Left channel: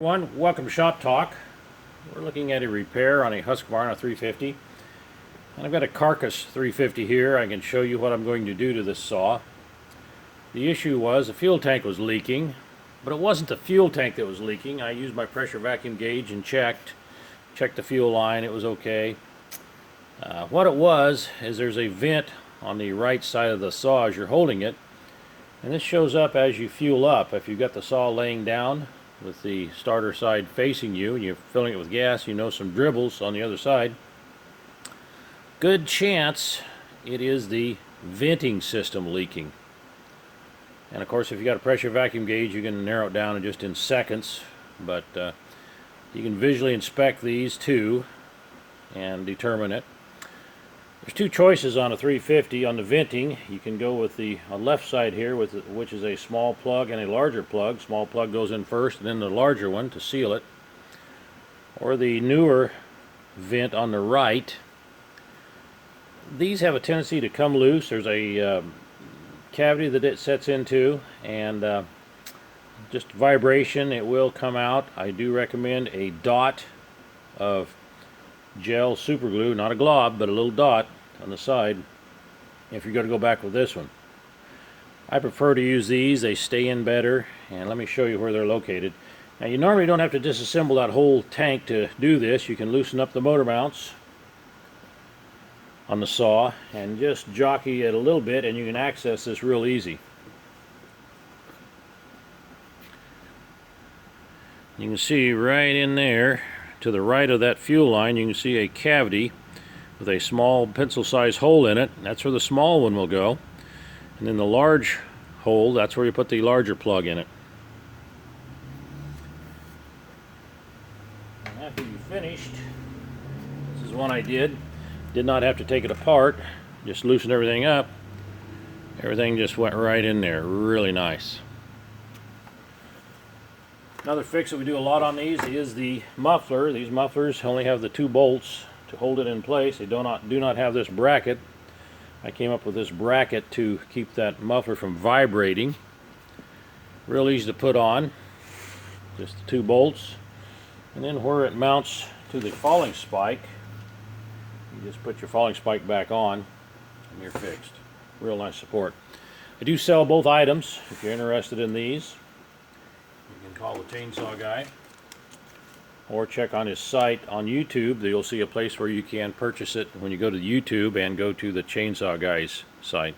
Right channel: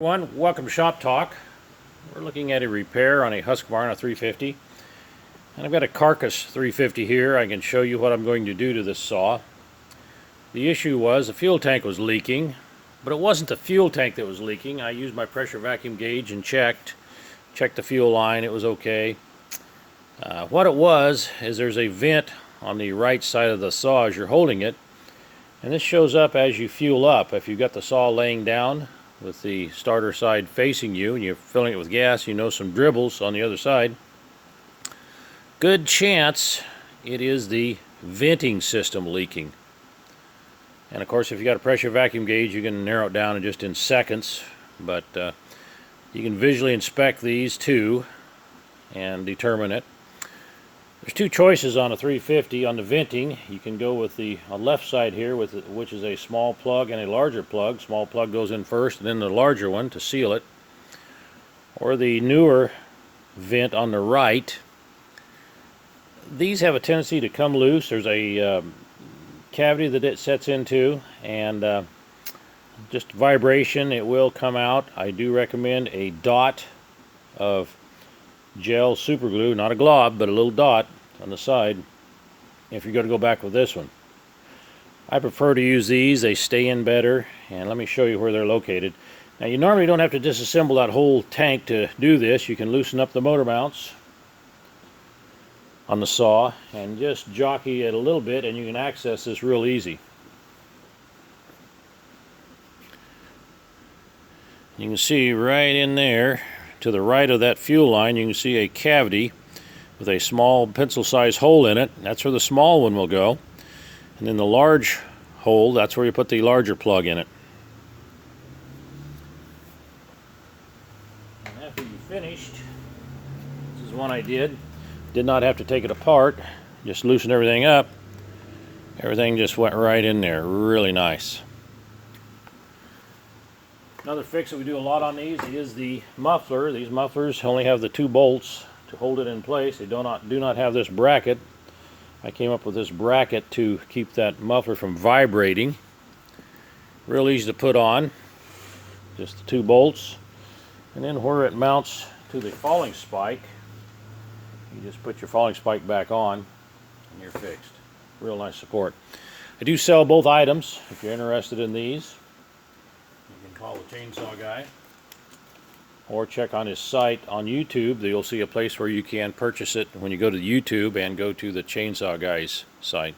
Welcome to Shop Talk. We're looking at a repair on a Husqvarna 350, and I've got a carcass 350 here. I can show you what I'm going to do to this saw. The issue was the fuel tank was leaking, but it wasn't the fuel tank that was leaking. I used my pressure vacuum gauge and checked the fuel line. It was okay. What it was is there's a vent on the right side of the saw as you're holding it, and this shows up as you fuel up. If you've got the saw laying down with the starter side facing you and you're filling it with gas, you know some dribbles on the other side. Good chance it is the venting system leaking. And of course, if you got a pressure vacuum gauge, you can narrow it down in just in seconds, but you can visually inspect these too and determine it. There's two choices on a 350 on the venting. You can go with the left side here, which is a small plug and a larger plug. Small plug goes in first, and then the larger one to seal it. Or the newer vent on the right. These have a tendency to come loose. There's a cavity that it sets into, and just vibration, it will come out. I do recommend a dot of gel super glue, not a glob, but a little dot on the side if you're going to go back with this one. I prefer to use these. They stay in better, and let me show you where they're located. Now, you normally don't have to disassemble that whole tank to do this. You can loosen up the motor mounts on the saw and just jockey it a little bit, and you can access this real easy. You can see right in there to the right of that fuel line, you can see a cavity with a small pencil-sized hole in it. That's where the small one will go. And then the large hole, that's where you put the larger plug in it. And after you finished, this is one I did not have to take it apart, just loosen everything up. Everything just went right in there, really nice. Another fix that we do a lot on these is the muffler. These mufflers only have the two bolts to hold it in place. They do not have this bracket. I came up with this bracket to keep that muffler from vibrating. Real easy to put on. Just the two bolts. And then where it mounts to the falling spike, you just put your falling spike back on and you're fixed. Real nice support. I do sell both items if you're interested in these. You can call the chainsaw guy or check on his site on YouTube. You'll see a place where you can purchase it when you go to YouTube and go to the chainsaw guy's site.